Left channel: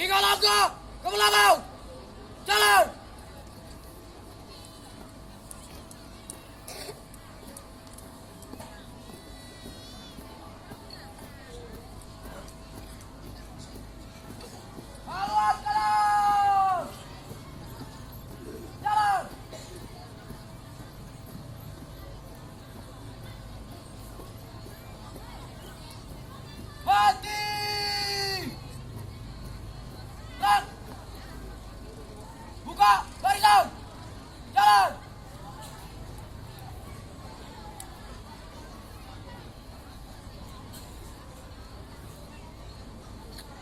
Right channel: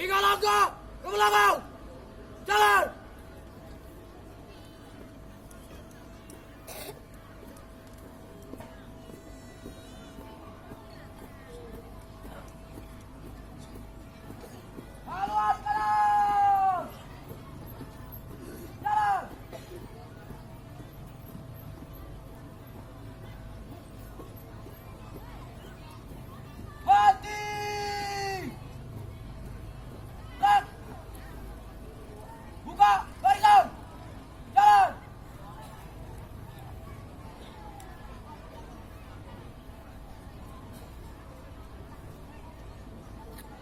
Tiga langkah ke belakang. Jalan. Haluan kanan. Jalan. Mati. Gerak. Buka barisan. Jalan.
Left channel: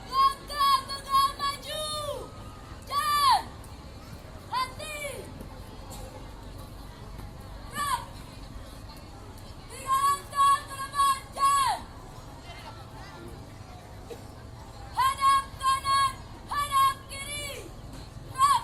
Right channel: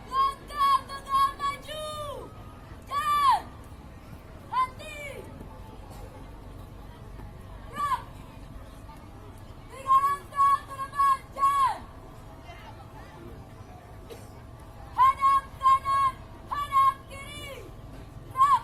Langkah tegak maju. Jalan. Henti. Gerak. Tiga langkah ke depan. Jalan. Hadap kanan. Hadap kiri. Gerak.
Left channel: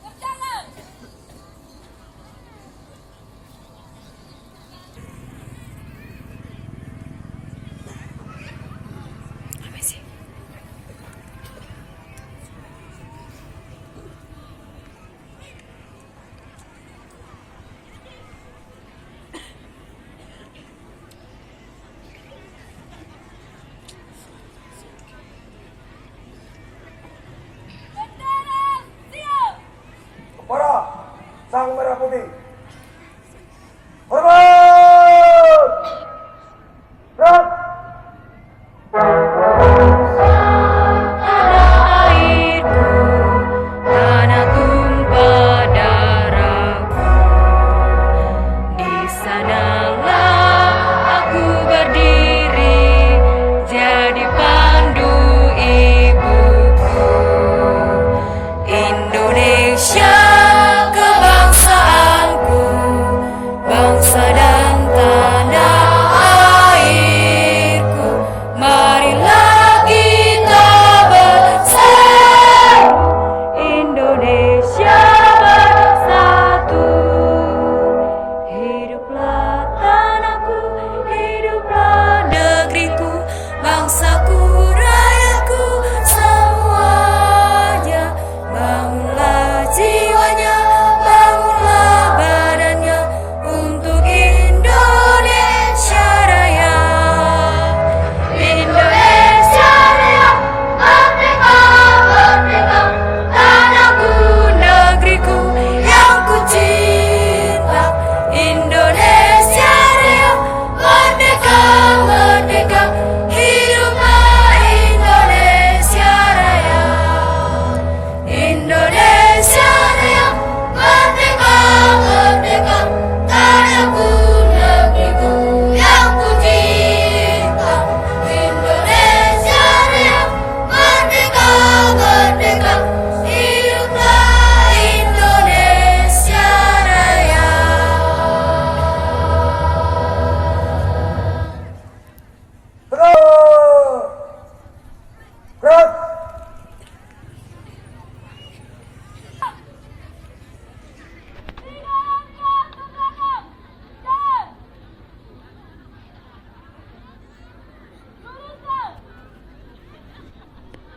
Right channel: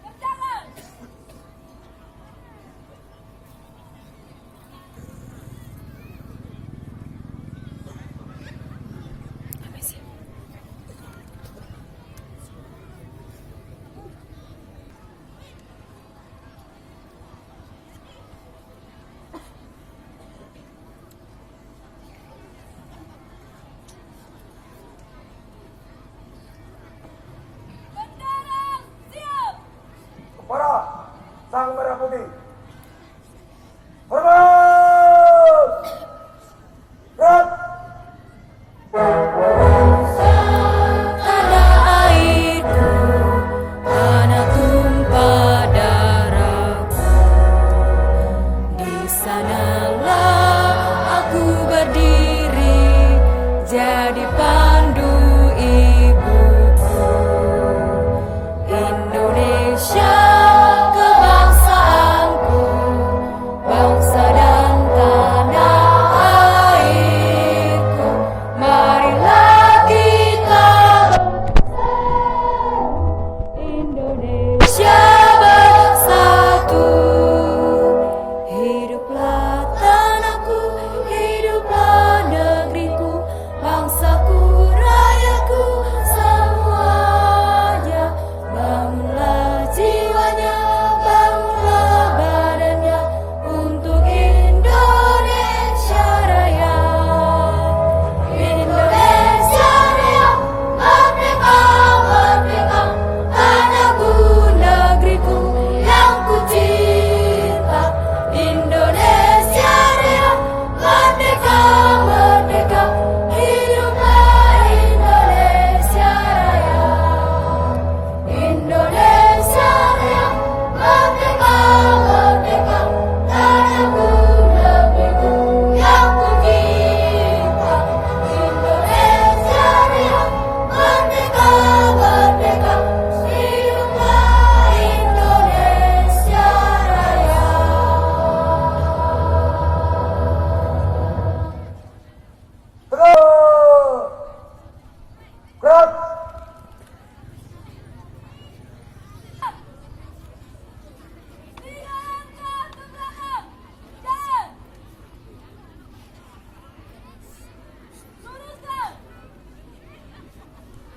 Berjalan. Bendera siap. Para sang merah putih. Hormat. Gerak. Airku, tanah tumpah darahku. Di sanalah aku berdiri, jadi pandu ibuku. Indonesia kebangsaanku, bangsa dan tanah airku. Marilah kita bersatu, Indonesia bersatu. Hiduplah tanahku, hiduplah negeriku, bangsaku, rakyatku semuanya. Bangunlah jiwanya, bangunlah badannya untuk Indonesia Raya. Indonesia Raya, merdeka, merdeka, tanahku, negeriku yang ku cinta. Indonesia Raya, merdeka, merdeka, hiduplah Indonesia Raya. Indonesia Raya, merdeka, merdeka, tanahku, negeriku yang ku cinta. Indonesia Raya, merdeka, merdeka, hiduplah Indonesia Raya. Gerak. Gerak. Tiga langkah ke belakang. Jalan. Luruskan.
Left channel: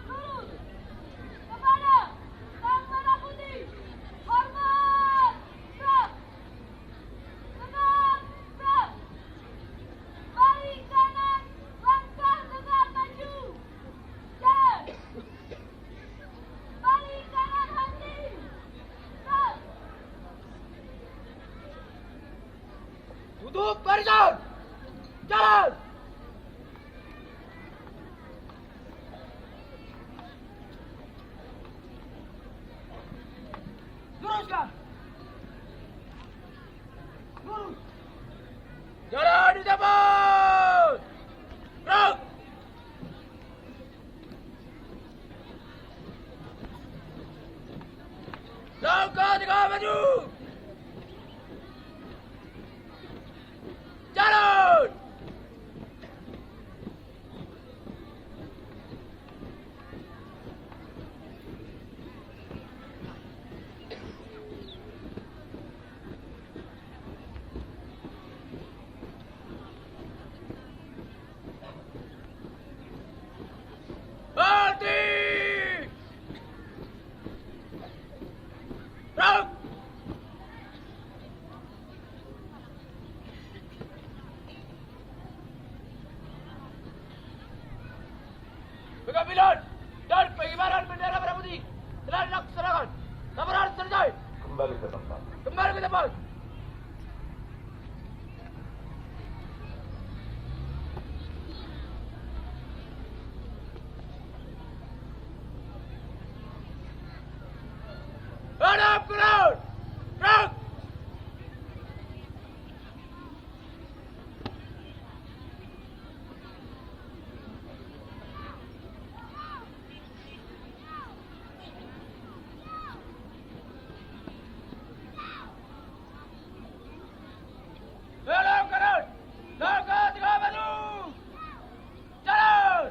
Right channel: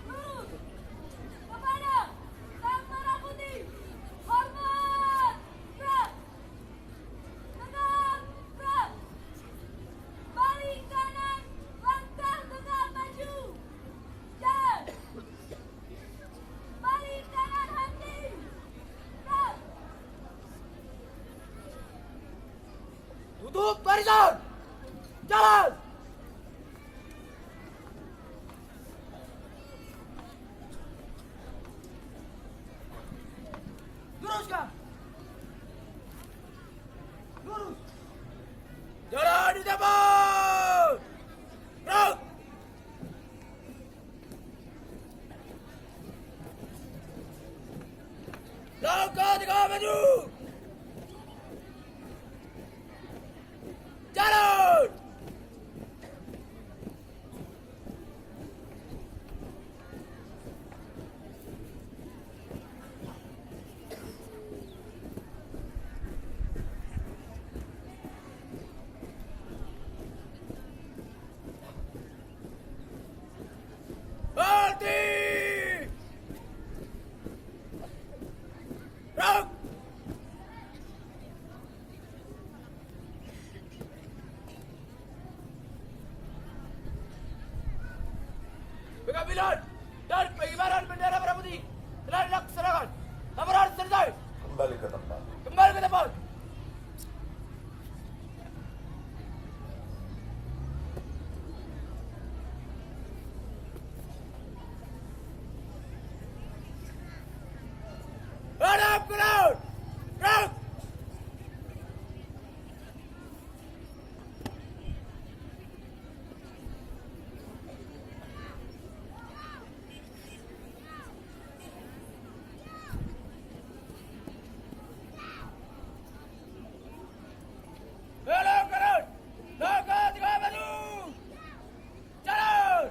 Lurus. Kepada sang merah putih. Hormat. Gerak. Tegak. Gerak. Balik kanan. Langkah tegak maju. Jalan. Balik kanan henti. Gerak. Tutup barisan. Jalan. namaskar. Lurus. Jalan di depan. Gerak. Langkah 3 maju. Jalan. Berhenti. Gerak. Pengambilan dan pengibaran bendera merah putih telah dilaksanakan. Lamaran selesai. Kembali ke tempat. Kembali ke depan. Hadap ke laut. Gerak. Belok kanan. Langkah 3 maju. Jalan.